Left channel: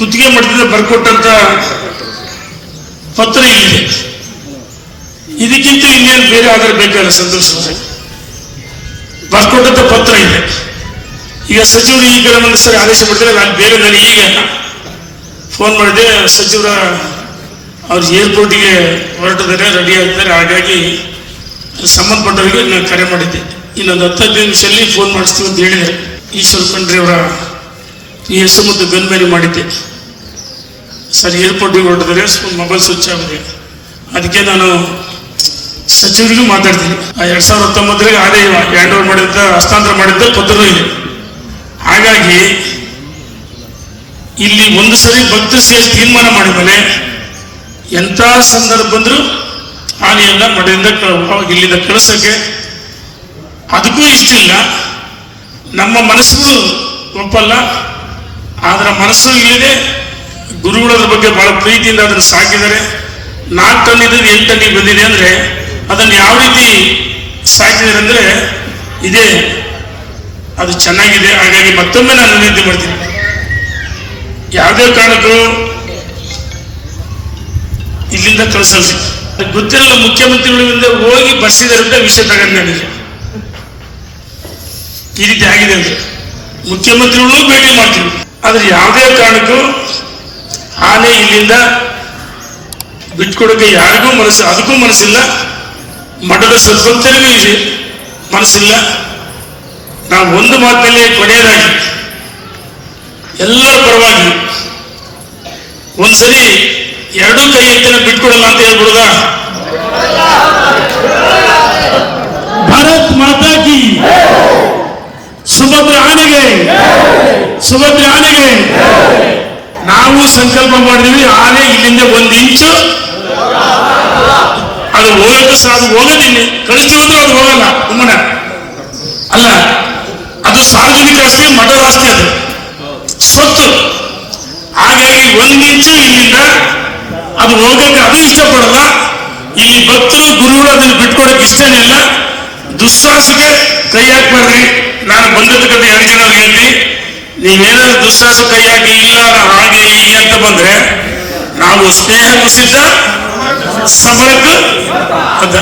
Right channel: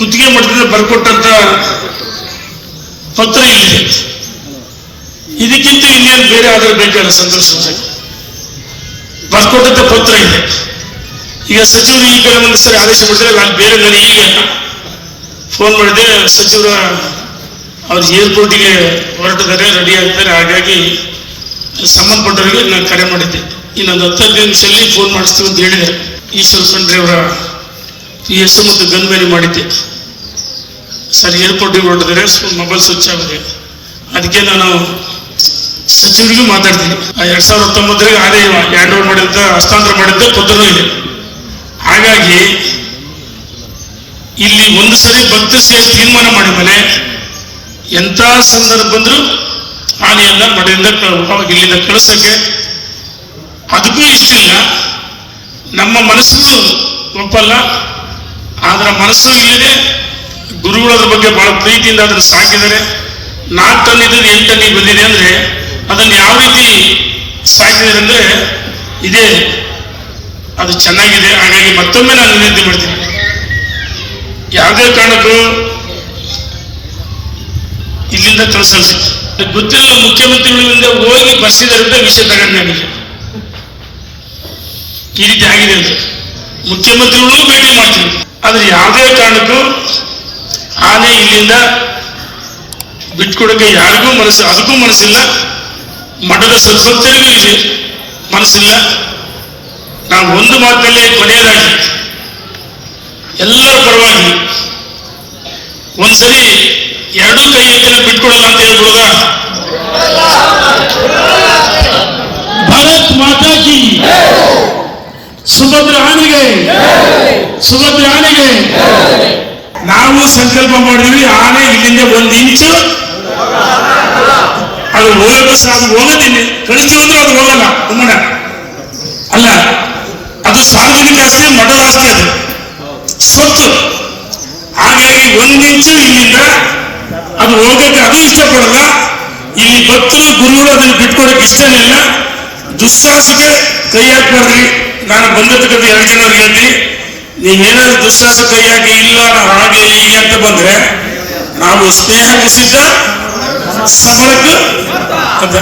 ಕುತ್ತಿಗೆ ಮಠದಿಂದ ಬರ್ಕೊಟ್ಟಂತ ಪತ್ರ ಇಲ್ಲಿದೆ. ಇದಕ್ಕಿಂತ ಇನ್ನೇನು ಬೇರೆ ಆದ್ರೆ ಬೇಕಾದ್ರೆ ಸಂತೋಷ. ಬರ್ಕೊಟ್ಟಂತ ಪತ್ರ ಇದೆ. ಈಗ ಸಚಿವರು ಈ ಕಡೆ ಒಂದು ಸರಿ ಆದೇಶ ಕೊಡ್ತಾರೆ. ನಾನು ಬೇರೆ ನಾನು ಈಗ ಫೋನ್ ಮಾಡಿದೆ, ಸಚಿವರ ಅವ್ರು ಏರ್ಪೋರ್ಟಿಗೆ ಹೊರಟಿದ್ದಾರೆ, ರೆಡಿ ಆಗ್ತಾರೆ. ಹಾಗಾಗಿ ಸಂಬಂಧಪಟ್ಟವರಿಗೆ ನಾನು ಕರೆ ಮಾಡಿದ್ದೆ. ಇನ್ನೊಂದು 10 ನಿಮಿಷದಲ್ಲಿ ಫೋನ್ ಮಾಡಿಸ್ತೀವಿ ಅಂತ ಹೇಳಿದ್ದಾರೆ. ಈಶ್ವರ ಖಂಡ್ರೆ ಅವರ PS ಮತ್ತು ಗನ್ಮೇರಿ ಮಾಡಿದ್ದೆ. ಸರ್ ಏರ್ಪೋರ್ಟಿಗೆ ಹೊರಟಿದ್ದಾರೆ, ಮೊಬೈಲ್ ಸ್ವಿಚ್ ಆಗಿದೆ. ಅದಕ್ಕೆ ನಾನು ಸಚಿವರಿಗೂ ಮಾತಾಡ್ತೀನಿ. 2019 ಆದಾಯ ಹ್ಯಾಂಡ್ ಓವರ್ ಮಾಡಿದ್ದ, ಹಸ್ತಾಂತರ ಮಾಡಿದ್ದ ಪತ್ರನೂ ಇದೆ. ಹಾಗಾಗಿ ಇಲ್ಲಿ ಒಂದು ಸರಿ ಭಕ್ತರು ಸೇರಿ ತೀರ್ಮಾನ ಮಾಡಿದ್ಮೇಲೆ ಎಂಥ ಸಂದರ್ಭ ಬಂದರೂ ಆನೆಯನ್ನ ಮಠದಿಂದ ಇಲ್ಲಿಂದ ಕಳಿಸೋಕ್ಕೆ ಅದಕ್ಕೂ ಇಷ್ಟ ಇಲ್ಲ. ನಮ್ಮ ಮನಸ್ಸು ಒಪ್ಪಲ್ಲ. ಅದರ ಮನಸ್ಸು ಇಲ್ಲದೆ ಗುರುಗಳ ಬಗ್ಗೆ ಬಹಳ ಪ್ರೀತಿಯಿಂದ ಅದನ್ನು ಸಾಕಿದರೆ 4 ಟನ್ ಇದ್ದು 8 ಟನ್ನಿಗೆ ಬಂದಿದೆ ಅಂದರೆ ಅದನ್ನು ಯಾವ ರೀತಿ ಸಾಕಿದ್ದಾರೆ ಅಂದರೆ ಇದೇ ಅದು ಚೆನ್ನಾಗಿದೆ. ಹಾಗಾಗಿ ಮತ್ತೊಮ್ಮೆ ನಾನು ವಿನಂತಿ ಮಾಡ್ತೀನಿ, ಯಾವುದೇ ಕಾರಣಕ್ಕೂ ಇಲ್ಲಿಂದ ಕಳಿಸಲ್ಲ. ಗೊತ್ತಿರಲ್ಲ, ಮುಖ್ಯಮಂತ್ರಿಗಳಿಂದ ಹೋಗಿ ಬರ್ಸಿದ್ದಾರೆ ಅಂತ ವಿಷಯ ತಗೊಂಡು ನನಗೆ ಈ ರೀತಿ ಆಗಿದೆ ಅಂತ ಮುಖ್ಯಮಂತ್ರಿಗಳು ಭೇಟಿ ಮಾಡ್ತೀವಿ. ಆದ್ರೆ ಯಾವುದೇ ಕಾರಣಕ್ಕೂ ಆನೆ ಇಲ್ಲಿಂದ ಬಿಟ್ಕೊಡಕ್ಕೆ ಯಾರಿಗೂ ಮನಸ್ಸು, ಅದಕ್ಕೂ ಮನಸ್ಸಿಲ್ಲ. ಮಠದ ಸದ್ಭಕ್ತರಿಗೂ ಇದೆ ಮನಸ್ಸಿಲ್ಲ. ನಾವು ಒಂದು ಮಾತಿನಲ್ಲಿ ಕೊನೆಯದಾಗಿ ಎಲ್ಲರ ಪರವಾಗಿ ಒಂದ್ಸರಿ 2 ಕೈ ಎತ್ತನ ಬಿಟ್ಕೊಡಲ್ಲ ಅಂತ ಹೇಳ್ಬಿಡುದ. ಭಾರತ್ ಮಾತಾ ಕಿ, ಸುಭದ್ರ ಆನೆಗೆ, ಸುಭದ್ರ ಆನೆಗೆ. ನಾವು ಸಂಕಲ್ಪ ಮಾಡಿದ್ವಿ, ಆನೆ ಇಲ್ಲಿಂದ 1 ಇಂಚು ಅದು ಹೋಗಕ್ಕೆ ಅದು ಹೋಗೋದಿಲ್ಲ. ಕಳಿಸ್ತೀವಿ ಅಂದ್ರೆ ಅದು ಹೋಗಲ್ಲ. ಉಮ್ಮನ ಅಲ್ಲ, ಅದು ಸಾರ್ವಜನಿಕ ಆಸ್ತಿ, ಮಠದ ಆಸ್ತಿ, ಅದು ಸ್ವತ್ತು. ಹಾಗಾಗಿ 1 ಇಂಚು ಇಲ್ಲಿಂದ ಅದು ಹೋಗಕ್ಕೆ ಅದು ಇಷ್ಟಪಡಲ್ಲ. ಇಲ್ಲಿ ಭಕ್ತರು ಗುರುಗಳು ಅದನ್ನು ಬಿಟ್ಕೊಡಕ್ಕೆ ಇಷ್ಟನೇ ಇಲ್ಲ. ದುಸ್ಸಾಹಸಕ್ಕೆ ಕೈ ಹಾಕ್ಬಾರ್ರಿ. ನಾನು ಬಂದಿರ್ತಕ್ಕಂಥ 2 ಜನರಿಗೆ ಹೇಳ್ತೀನಿ, ನೀವೇನಾದ್ರು ದುಸ್ಸಾಹಸ ಕೈ ಹಾಕಿ ಇಲ್ಲ ನಾವು ಹಾಗೆ ಹೀಗೆ ಅಂತ ಬಂದ್ರೆ ನಾವು ಸ್ನೇಹ ಸಿದ್ಧ, ಸಬಲಕ್ಕೂ ಅಂತ.